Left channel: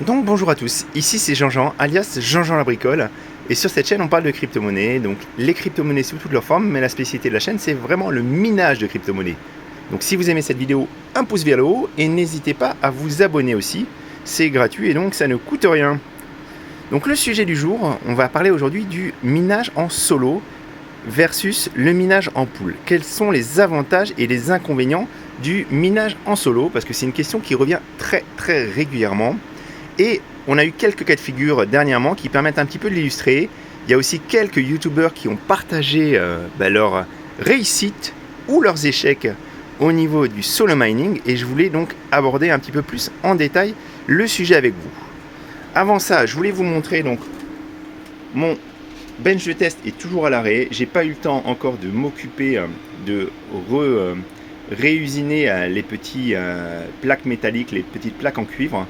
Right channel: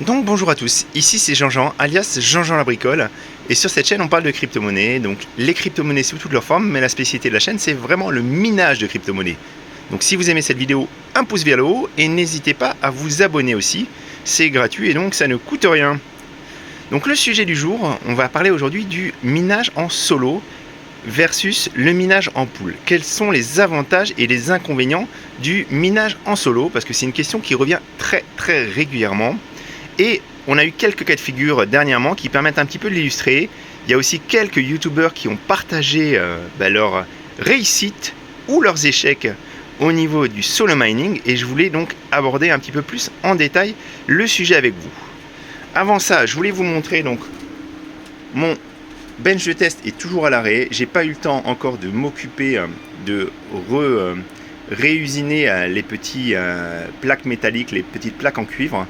Donc bonjour à tous, ici c'est Jean-Jean, alias Jean-Jean la bricole, et sur cette chaîne on parle de crypto-monnaies, donc les crypto-monnaies sous toutes leurs formes, mais la spécialité de la chaîne c'est vraiment le minage de crypto-monnaies. Donc si vous aimez cette vidéo, un pouce vers le haut, et n'hésitez pas à vous abonner aussi, c'est gratuit et donc ça ne coûte rien. Donc le sujet du jour, on va parler aujourd'hui du minage en solo versus le minage en pool. Quels sont les avantages et les inconvénients du minage en solo? Parce que c'est une question qui revient très régulièrement. Et on a eu quelques cas de figure dernièrement qui permettent un petit peu de l'illustrer. Il y a aussi quelques youtubeurs qui ont partagé leur réussite ou leurs échecs au niveau du solo mining, et je voulais donc aborder un petit peu plus en détail le sujet avec vous. Avant ça, je voulais vous montrer donc mon bench de test est toujours à l'arrêt. J'ai pas eu le temps encore de m'occuper de réusiner les petits plaques métalliques, les petites plaques en cuivre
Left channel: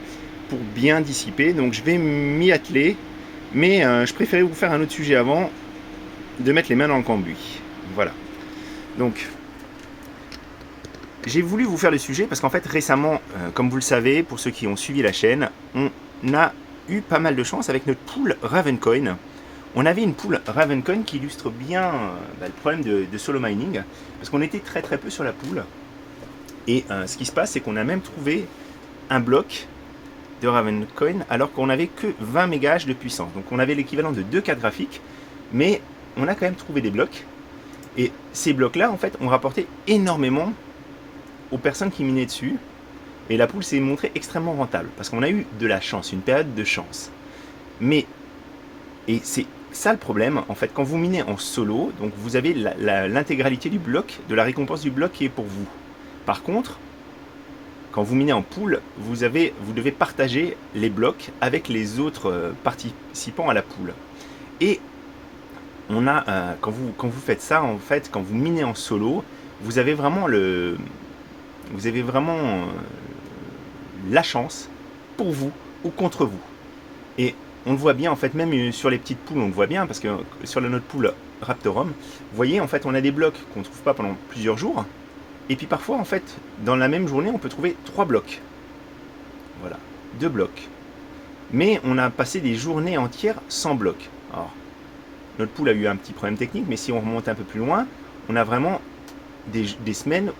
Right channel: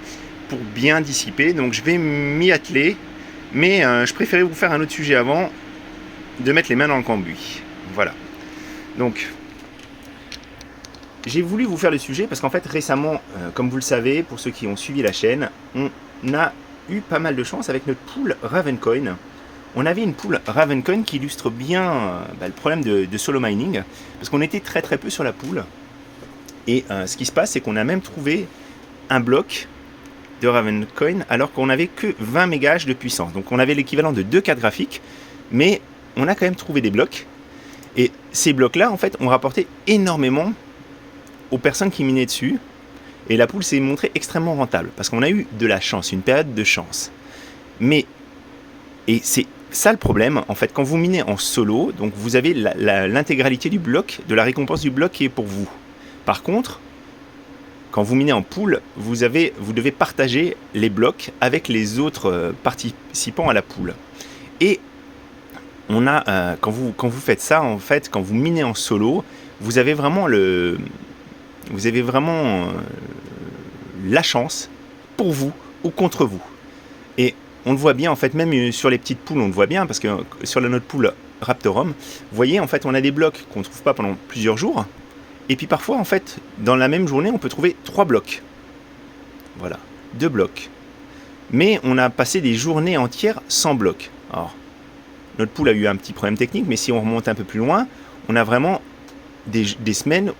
pour bien dissiper. Donc je vais m'y atteler, mais je préférais vous faire un autre sujet avant de mettre les mains dans le cambouis. Voilà. Donc j'ai voulu vous faire le sujet parce qu'en fait récemment, comme vous le savez, pour ceux qui ont suivi la chaîne, on a eu pas mal de chance avec notre pool Ravencoin. On avait une pool Ravencoin qui illustre bien le problème de solo mining, parce qu'on était très peu sur la pool. Et ce qui se passe, c'est qu'on a même trouvé un bloc de Ravencoin alors qu'on n'avait que 20 MHz de puissance. Donc on avait l'équivalent de 2 cartes graphiques, mais on a quand même trouvé des blocs. Et ces blocs-là, en fait, ont rapporté énormément aux personnes qui minaient dessus. Et la pool s'est montrée extrêmement rentable, parce qu'on a eu de la chance, une période de chance. Mais, et c'est ça le problème, en fait, quand vous minez en solo, donc vous avez l'intégralité du bloc, de la récompense du bloc qui est pour vous. Par contre, quand vous minez en pool, vous devez partager les blocs avec les autres participants à la pool. Et on a, quand vous faites ça, en fait, quand vous minez en solo, vous avez vraiment la chance pour vous ou contre vous. Et on le voit bien, en fait, même sur les petites poules, on le voit bien, parce que sur notre pool Raptorum, vous voyez, en fait, on a des blocs qu'on ne trouve pas pendant plusieurs jours. Et puis parfois, en fait, dans la même journée, on peut trouver 3 blocs. Voilà, 2 blocs. Mais on a passé des journées entières sans blocs. Alors, notre pool a eu un petit problème technique, mais si on remonte un peu plus loin, on a vraiment des semaines,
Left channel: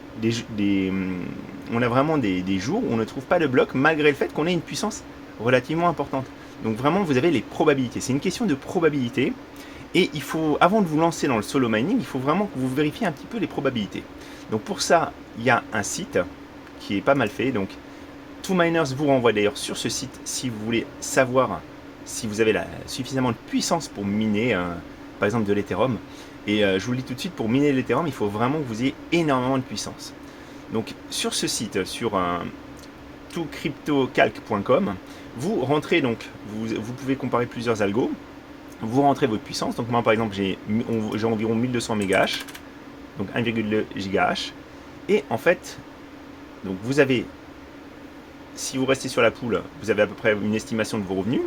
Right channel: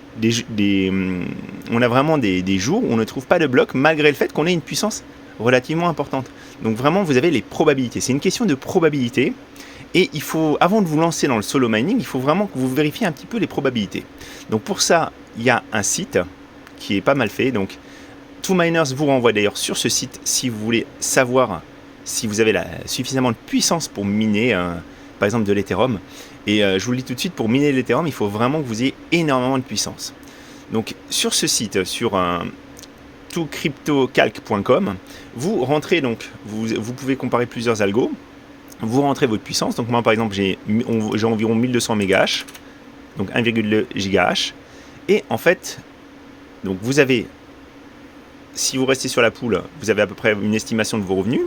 on a vraiment des jours où on ne trouve pas de blocs, malgré le fait qu'on ait une puissance relativement importante. Donc vraiment, vous avez les probabilités. C'est une question de probabilité. Et il faut, avant de vous lancer dans le solo mining, il faut vraiment que vous vérifiez un petit peu les probabilités. Donc pour ça, il y a un site qui est pas mal fait. Donc 2Miners vous renvoie d'ailleurs sur ce site si vous voulez savoir si vous avez suffisamment de puissance pour miner, par exemple, de l'Ethereum. Et je vous le dis tout de suite, pour miner l'Ethereum, il faut vraiment que vous ayez énormément de puissance. Donc sur ce site, sur tocryptocalc.com, vous rentrez, donc vous pouvez comparer plusieurs algos. Vous rentrez votre puissance. Donc moi par exemple j'ai environ 1200 MHz, donc 1,2 GHz. Et en fait, donc vous avez, si vous restez sur la pool, vous avez à peu près une estimation de vos revenus.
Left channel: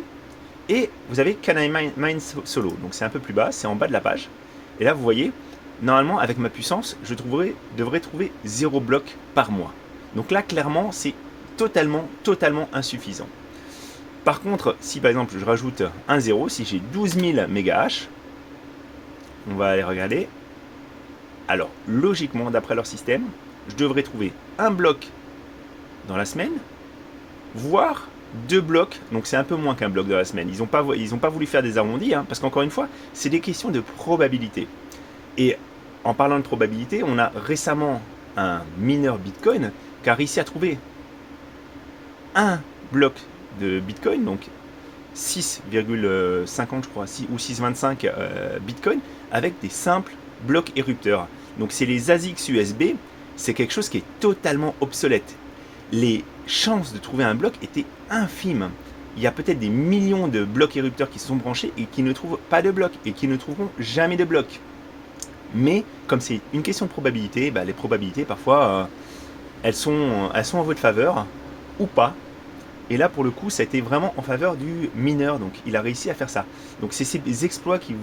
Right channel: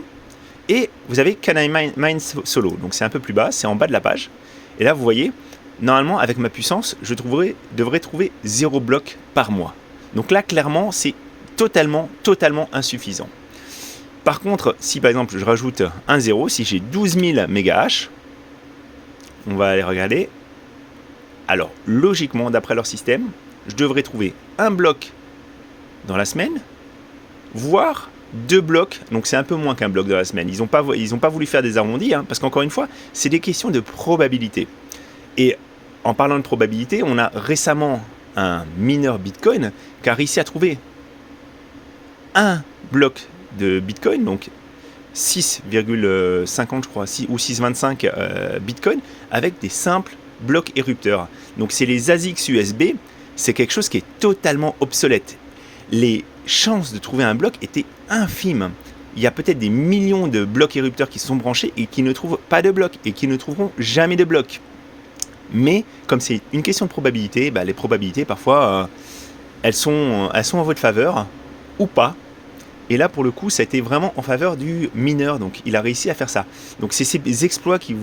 Et vous avez Can I Mine Solo, donc c'est un peu plus bas, c'est en bas de la page. Et là vous voyez, normalement avec ma puissance, je devrais trouver 0 bloc par mois. Donc là clairement c'est totalement insuffisant. Par contre, si par exemple je rajoute un 0, si j'ai 12 000 MHz, on va aller regarder. Alors, logiquement, d'après leur système, je devrais trouver un bloc dans la semaine, voire 2 blocs. Donc c'est un peu moins qu'un bloc dans la semaine. Ils n'ont pas voulu faire des arrondis, hein, parce qu'encore une fois, c'est des questions de probabilité. Et en parlant de probabilité, on a récemment un mineur Bitcoin qui a réussi à trouver un bloc de Bitcoin, donc 6,50 je crois, ou 6,25 Bitcoin, avec des simples blocs érupteurs. Donc c'est les ASIC USB, c'est quelque chose qui est totalement obsolète. Les chances de trouver un bloc étaient infimes. Il y a peut-être des millions de blocs érupteurs qui sont branchés et qui ne trouvent pas de blocs, et qui ne trouveront jamais de blocs. Mais comme c'est une question de probabilité, les probabilités parfois elles sont en votre faveur ou pas. Et là, pour le coup, ça a été vraiment en faveur du mineur. Donc, il a réussi à faire ça. Donc, c'est ces exploits qui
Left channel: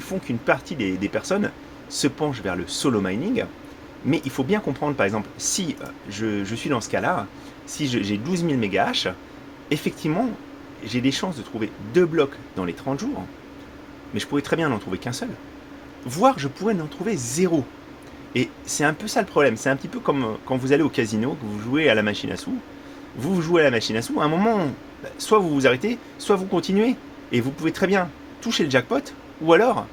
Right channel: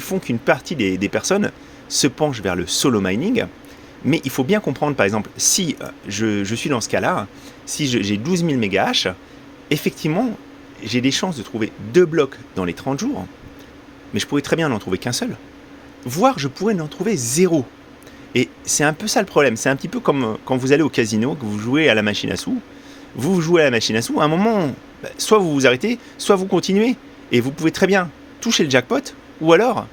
font qu'une partie des personnes se penchent vers le solo mining. Mais il faut bien comprendre, par exemple, si je suis dans ce cas-là, si j'ai 12 000 MHz, effectivement, j'ai des chances de trouver 2 blocs dans les 30 jours, mais je pourrais très bien n'en trouver qu'un seul. Voire je pourrais n'en trouver 0. Et c'est un peu ça le problème. C'est un petit peu comme quand vous allez au casino, que vous jouez à la machine à sous. Vous jouez à la machine à sous, à un moment, soit vous vous arrêtez, soit vous continuez. Et vous pouvez très bien toucher le jackpot, ou alors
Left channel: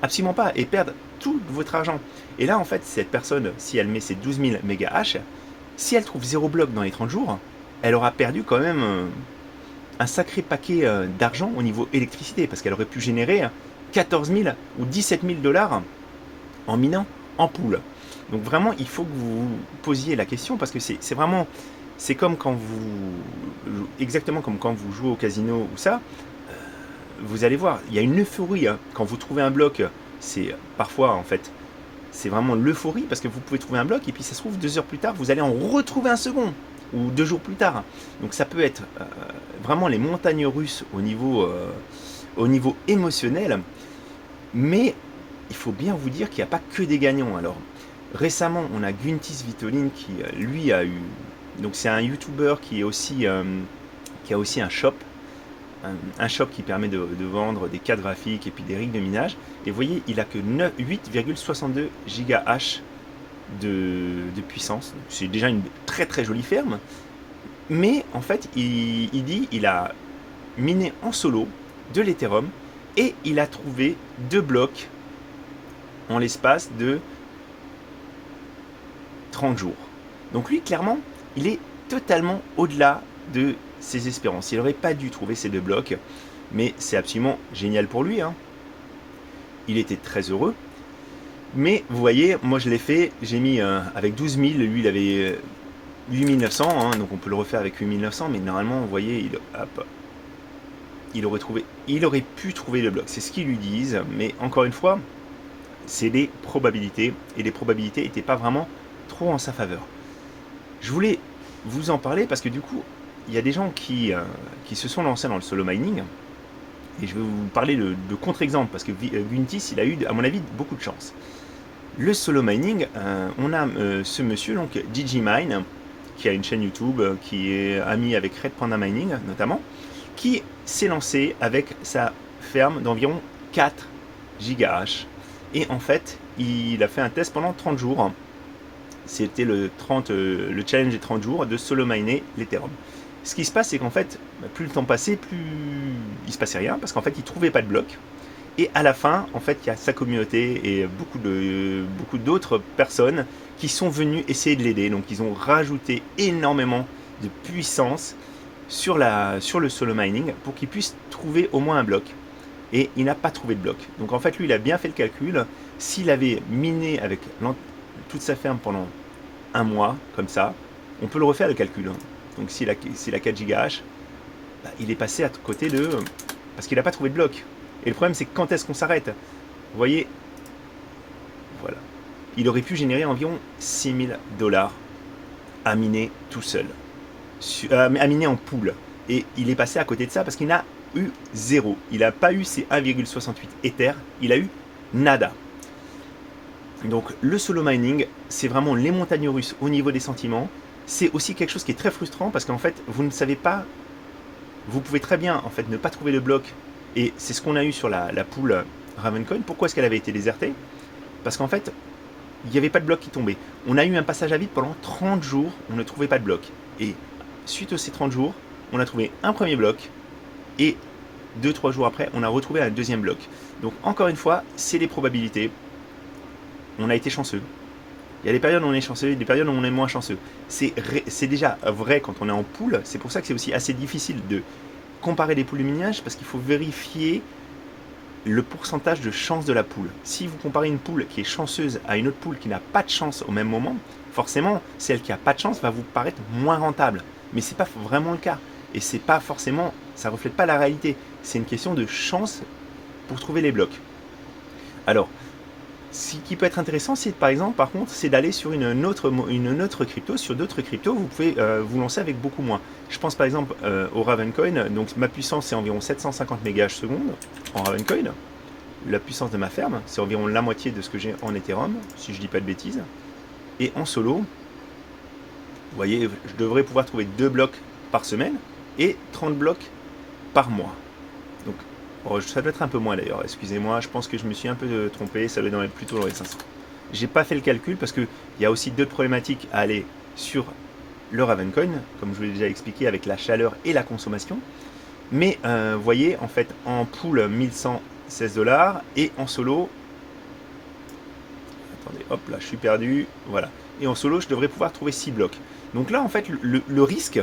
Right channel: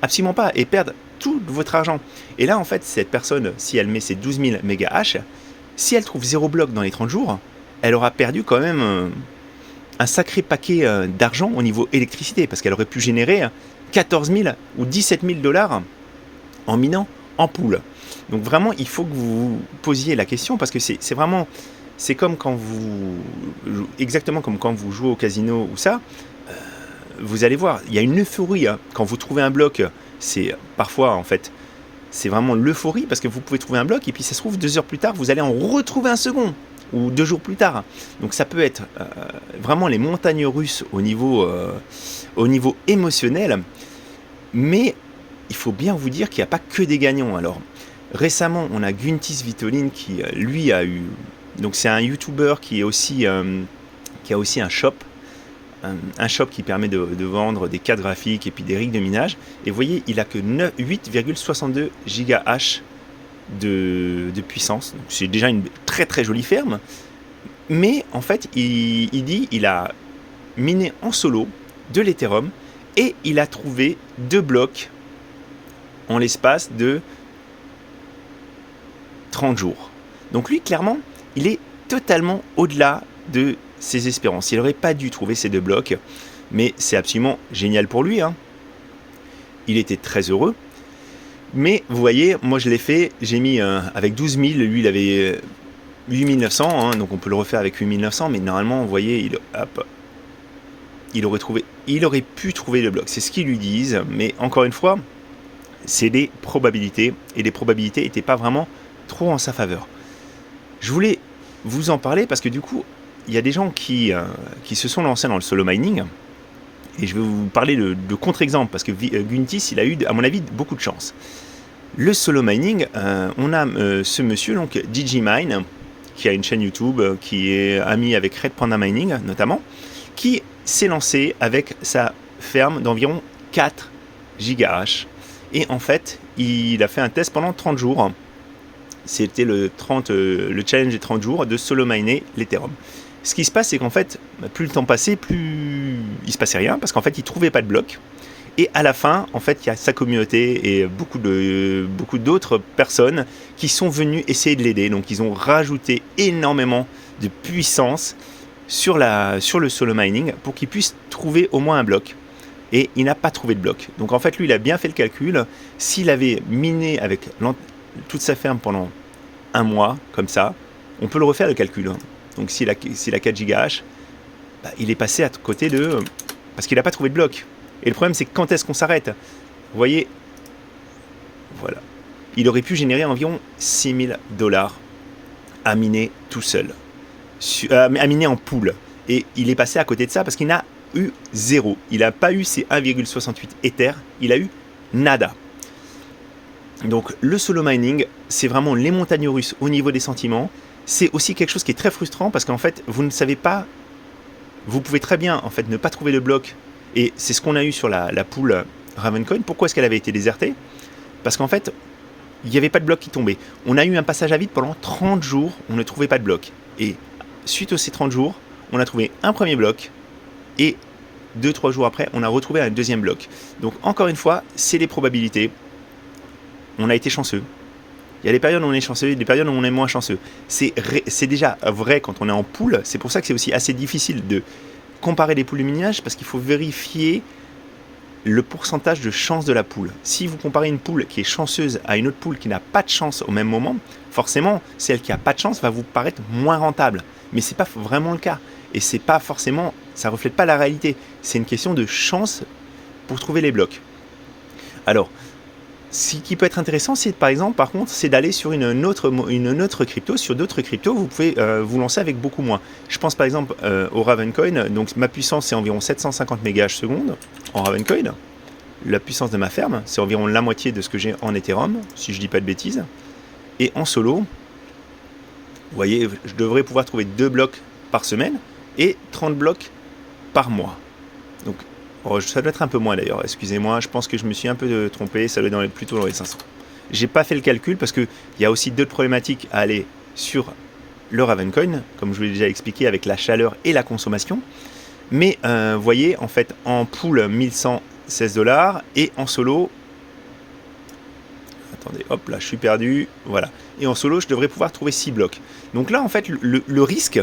absolument pas, et perdre tout votre argent. Et là, en fait, cette personne, si elle met ses 12 000 mégahash, si elle trouve 0 bloc dans les 30 jours, elle aura perdu quand même un sacré paquet d'argent au niveau électricité, parce qu'elle aurait pu générer 14 000 ou 17 000 dollars en minant en pool. Donc vraiment, il faut que vous vous posiez la question, parce que c'est vraiment, c'est comme quand vous, exactement comme quand vous jouez au casino ou ça, vous allez voir, il y a une euphorie, hein. Quand vous trouvez un bloc, c'est parfois en fait, c'est vraiment l'euphorie, parce que vous pouvez trouver un bloc, et puis ça se trouve 2 heures plus tard, vous allez en retrouver un second, ou 2 jours plus tard. Donc ça peut être vraiment les montagnes russes au niveau émotionnel, mais il faut bien vous dire qu'il n'y a pas que des gagnants. Alors récemment, on a Guntis Vitolin qui, lui, a eu... Donc c'est un YouTuber qui a aussi un shop, un shop qui permet de vendre des cartes graphiques et puis des rigs de minage. Et vous voyez, il a que 8,62 GH de puissance. C'est déjà une très très jolie ferme. Mais en fait, il dit il a miné en solo de l'Ethereum et il a trouvé 2 blocs en l'espace de 30 jours. Donc lui, clairement, il est totalement au-delà de ses espérances. Il n'aurait pas dû trouver ces 2 blocs, mais c'est absolument génial pour lui, hein. Il était très heureux. Mais vous voyez, moi je l'ai fait, j'ai mis avec 12 000, lui il avait 8 900, hein, donc on peut le refaire avec 8 900, mais normalement, vous voyez, il aurait pu trouver le bloc. C'est ce qu'ils lui disent, mais encore une fois, c'est des probabilités, et les probabilités n'étaient pas vraiment trop en sa faveur. Je voulais vous en parler parce que du coup, il y a des gens qui se sont lancés dans le solo mining, et je vais vous parler de contre-exemples, parce que Guntis, il a eu, à mon avis, beaucoup de chance. Le solo mining, on a ce monsieur, donc DigiMine, qui a une chaîne YouTube, qui est ami avec Red Panda Mining, notamment, qui s'est lancé avec sa ferme d'environ 4 GH. Et en fait, il a fait un test pendant 30 jours. C'était le challenge des 30 jours de solo miner l'Ethereum. Ce qui se passe, c'est qu'en fait, plus le temps passait, plus il se passait rien, parce qu'en fait, il trouvait pas de bloc. Et à la fin, en fait, il y a sa communauté et beaucoup d'autres personnes qui sont venues essayer de l'aider. Donc, ils ont rajouté énormément de puissance sur le solo mining pour qu'il puisse trouver au moins un bloc. Et il n'a pas trouvé de bloc. Donc, en fait, lui, il a bien fait le calcul. S'il avait miné avec toute sa ferme pendant un mois, comme ça, on peut le refaire le calcul, hein. Donc, s'il a 4 GH, bah, il est passé à côté de... Parce qu'il n'a pas trouvé de bloc. Et le problème, c'est quand est-ce qu'on s'arrête? Vous voyez, voilà. Il aurait pu générer environ 6 000 dollars à miner tout seul. À miner en pool. Et il est passé à côté de ça parce qu'il n'a eu 0. Il n'a pas eu ses 1,68 Ether. Il a eu nada. Donc le solo mining, c'est vraiment les montagnes russes au niveau des sentiments. C'est aussi quelque chose qui est très frustrant parce qu'en fait, vous ne savez pas... Vous pouvez très bien en fait ne pas trouver de bloc. Et c'est ce qu'on a eu sur la pool Ravencoin. Pourquoi est-ce qu'elle avait été désertée? Parce qu'en fait, il n'y avait pas de bloc qui tombait. On a eu un passage à vide pendant 30 jours, on ne trouvait pas de bloc. Et suite à ces 30 jours, on a trouvé un premier bloc, et 2-3 jours après, on a retrouvé un deuxième bloc. Donc encore une fois, c'est les probabilités. On a été chanceux. Il y a des périodes où on est chanceux et des périodes où on est moins chanceux. C'est déjà vrai quand on est en pool. C'est pour ça que c'est aussi assez difficile de comparer les poules de minage, parce qu'il faut vérifier le pourcentage de chance de la poule. Si vous comparez une poule qui est chanceuse à une autre poule qui n'a pas de chance au même moment, forcément, celle qui n'a pas de chance va vous paraître moins rentable. Mais ce n'est pas vraiment le cas. Et c'est pas forcément, ça ne reflète pas la réalité. C'est une question de chance pour trouver les blocs. Alors, ce qui peut être intéressant, c'est par exemple, par contre, c'est d'aller sur une autre crypto. Sur d'autres cryptos, vous pouvez vous lancer avec beaucoup moins. Je pense par exemple au Ravencoin. Donc ma puissance, c'est environ 750 MH seconde en Ravencoin. La puissance de ma ferme, c'est environ la moitié de ce que j'ai en Ethereum, si je dis pas de bêtises. Et en solo, vous voyez, je devrais pouvoir trouver 2 blocs par semaine. et 30 blocs par mois. Donc, ça doit être un peu moins d'ailleurs, excusez-moi, je pense que je me suis un peu trompé, ça doit être plutôt dans les 500. J'ai pas fait le calcul parce qu'il y a aussi d'autres problématiques à aller sur le Ravencoin, comme je vous l'ai déjà expliqué avec la chaleur et la consommation. Mais vous voyez, en fait, en pool 1116$ et en solo, attendez, hop là, je suis perdu, voilà. Et en solo, je devrais pouvoir trouver 6 blocs. Donc là, en fait, le risque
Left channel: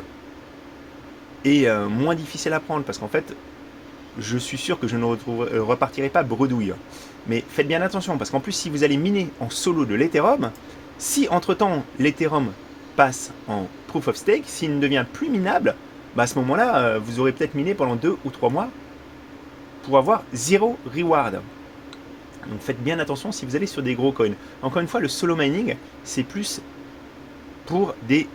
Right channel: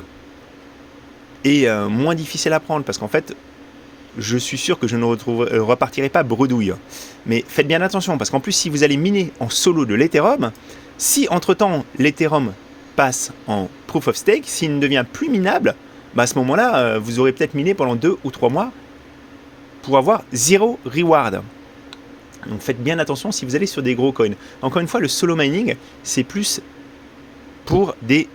est moins difficile à prendre parce qu'en fait, je suis sûr que je ne repartirai pas bredouille. Mais faites bien attention, parce qu'en plus, si vous allez miner en solo de l'Ethereum, si entre-temps l'Ethereum passe en Proof of Stake, s'il ne devient plus minable, bah à ce moment-là, vous aurez peut-être miné pendant 2 ou 3 mois pour avoir 0 reward. Donc faites bien attention si vous allez sur des gros coins. Encore une fois, le solo mining, c'est plus pour des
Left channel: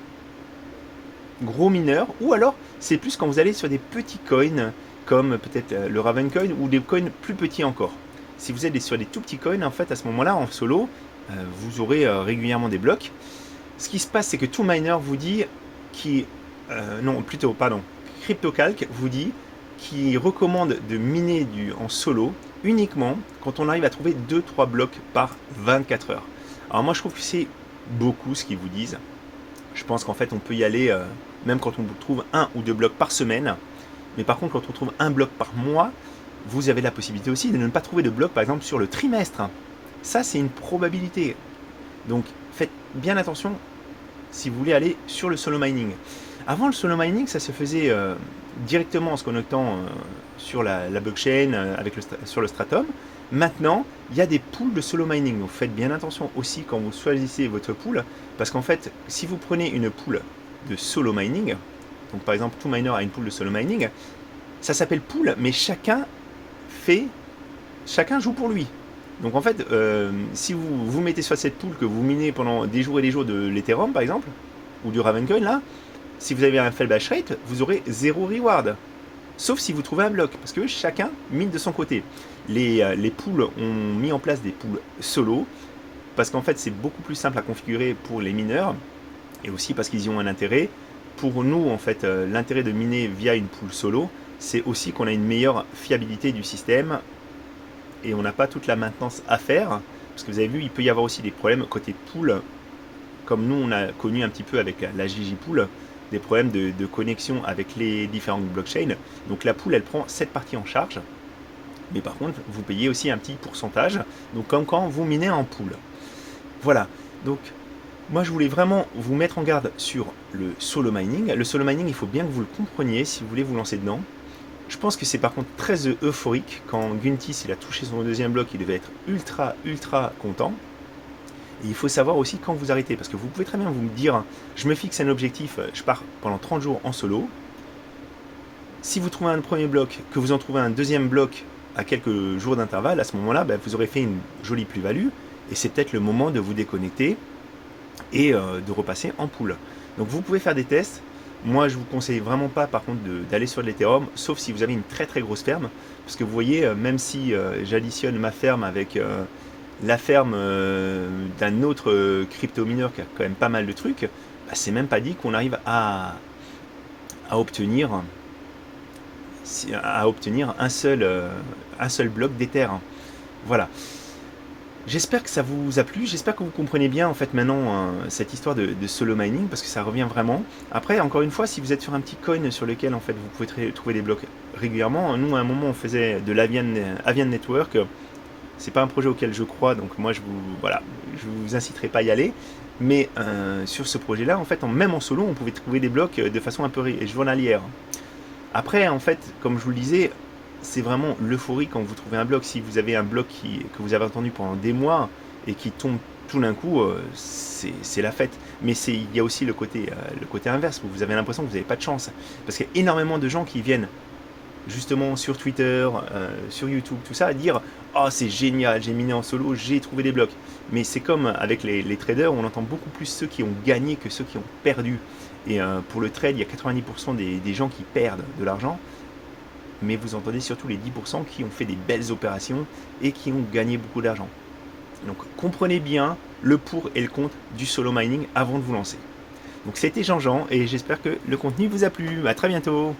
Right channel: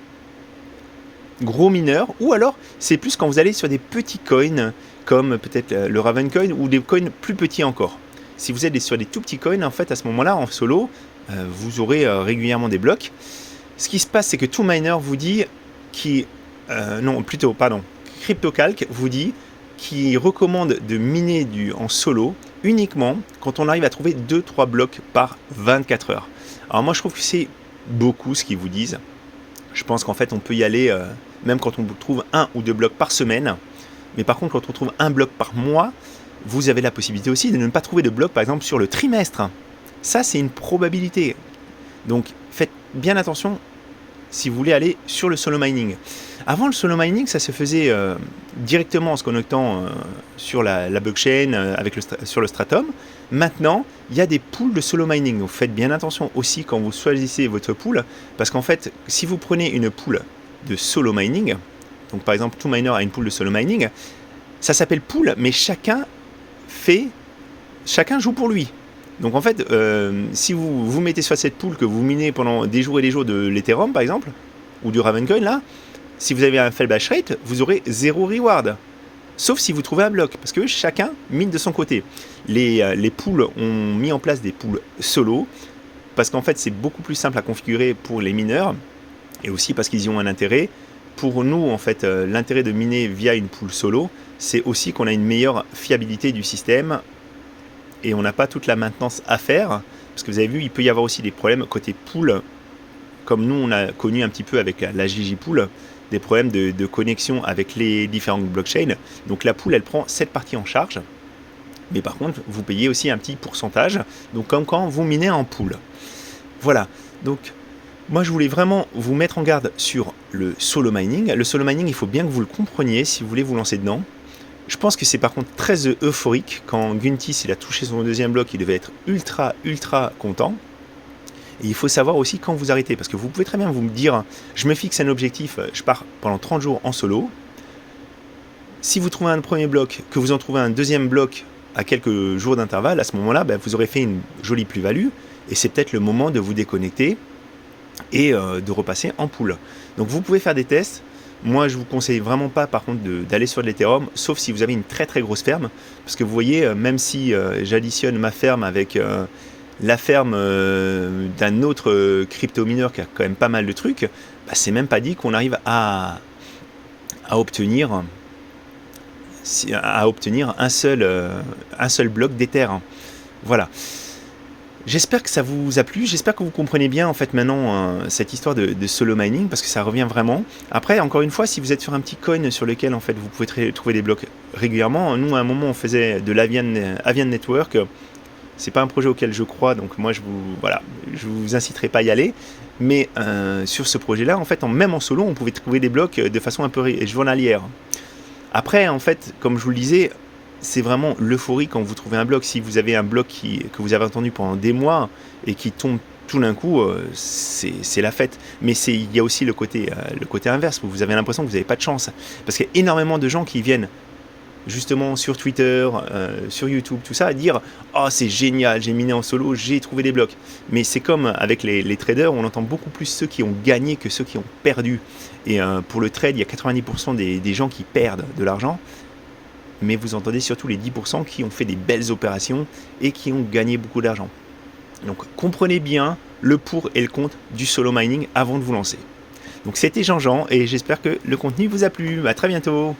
gros mineurs, ou alors c'est plus quand vous allez sur des petits coins, comme peut-être le Ravencoin, ou des coins plus petits encore. Si vous êtes sur des tout petits coins, en fait, à ce moment-là, en solo, vous aurez régulièrement des blocs. Ce qui se passe, c'est que TwoMiner vous dit CryptoCalc vous dit qu'il recommande de miner en solo uniquement quand on arrive à trouver 2-3 blocs par 24 heures. Alors moi, je trouve que c'est beaucoup ce qu'ils vous disent. Je pense qu'en fait, on peut y aller même quand on trouve 1 ou 2 blocs par semaine. Mais par contre, quand on trouve 1 bloc par mois, vous avez la possibilité aussi de ne pas trouver de bloc, par exemple, sur le trimestre. Ça, c'est une probabilité. Donc, faites bien attention si vous voulez aller sur le solo mining. Avant, le solo mining, ça se faisait directement en se connectant sur la blockchain sur le Stratum. Maintenant, il y a des pools de solo mining. Donc, faites bien attention aussi quand vous choisissez votre pool, parce qu'en fait, si vous prenez une pool de solo mining, donc par exemple, TwoMiner a une pool de solo mining, ça s'appelle pool, mais chacun joue pour lui. Donc en fait, si vous vous mettez sur cette pool que vous minez pendant des jours et des jours de l'Ethereum par exemple, ou du Ravencoin là, si vous avez un faible hash rate, vous aurez 0 reward. Sauf si vous trouvez un bloc, parce que chacun mine de son côté. Les pools ont mis en place des pools solo, parce qu'en fait c'est beaucoup plus simple à configurer pour les mineurs, et aussi parce qu'ils y ont un intérêt. Pour nous, en fait, l'intérêt de miner via une pool solo, c'est aussi qu'on a une meilleure fiabilité du système et on n'a pas toute la maintenance à faire. Parce que vous avez vu, il peut y avoir aussi des problèmes côté pool, comme nous on a connu un petit peu avec la ggPool, des problèmes de connexion avec les différentes blockchains. Donc la pool, elle prend cette partie en charge. Mais par contre, vous payez aussi un petit pourcentage, donc comme quand vous minez en pool. Voilà, donc moi je voulais vraiment vous mettre en garde sur le solo mining. Le solo mining, il faut bien que vous le compreniez si vous voulez vous lancer dedans. Je pense que c'est par contre très euphorique. Quand Guntis il a touché son deuxième bloc, il devait être ultra content. Et il faut savoir aussi quand vous arrêtez, parce que vous pouvez très bien vous me dire, je me fixe un objectif, je pars pendant 30 jours en solo. Si vous trouvez un premier bloc, que vous en trouvez un deuxième bloc à quelques jours d'intervalle, à ce moment-là, vous aurez fait une jolie plus-value, et c'est peut-être le moment de vous déconnecter et de repasser en pool. Donc vous pouvez faire des tests. Moi je vous conseille vraiment pas par contre d'aller sur de l'Ethereum, sauf si vous avez une très très grosse ferme, parce que vous voyez, même si j'additionne ma ferme avec la ferme d'un autre crypto-mineur qui a quand même pas mal de trucs, c'est même pas dit qu'on arrive à obtenir un seul bloc d'Ether. Voilà. J'espère que ça vous a plu, j'espère que vous comprenez bien en fait maintenant cette histoire de solo mining, parce que ça revient vraiment. Après, encore une fois, si vous êtes sur un petit coin sur lequel en fait vous pouvez trouver des blocs régulièrement, nous à un moment on faisait de l'Avian Network, c'est pas un projet auquel je crois, donc moi je vous inciterai pas à y aller, mais sur ce projet-là, en fait, même en solo, on pouvait trouver des blocs de façon un peu journalière. Après, en fait, comme je vous le disais, c'est vraiment l'euphorie quand vous trouvez un bloc. Si vous avez un bloc que vous avez attendu pendant des mois et qui tombe tout d'un coup, c'est la fête. Mais il y a aussi le côté inverse, où vous avez l'impression que vous n'avez pas de chance. Parce qu'il y a énormément de gens qui viennent justement sur Twitter, sur YouTube, tout ça, à dire « Oh, c'est génial, j'ai miné en solo, j'ai trouvé des blocs ». Mais c'est comme avec les traders, on entend beaucoup plus ceux qui ont gagné que ceux qui ont perdu. Et pour le trade, il y a 90% des gens qui perdent de l'argent. Mais vous entendez surtout les 10% qui ont fait des belles opérations et qui ont gagné beaucoup d'argent. Donc comprenez bien le pour et le contre du solo mining avant de vous lancer. Donc c'était Jean-Jean et j'espère que le contenu vous a plu. À très bientôt.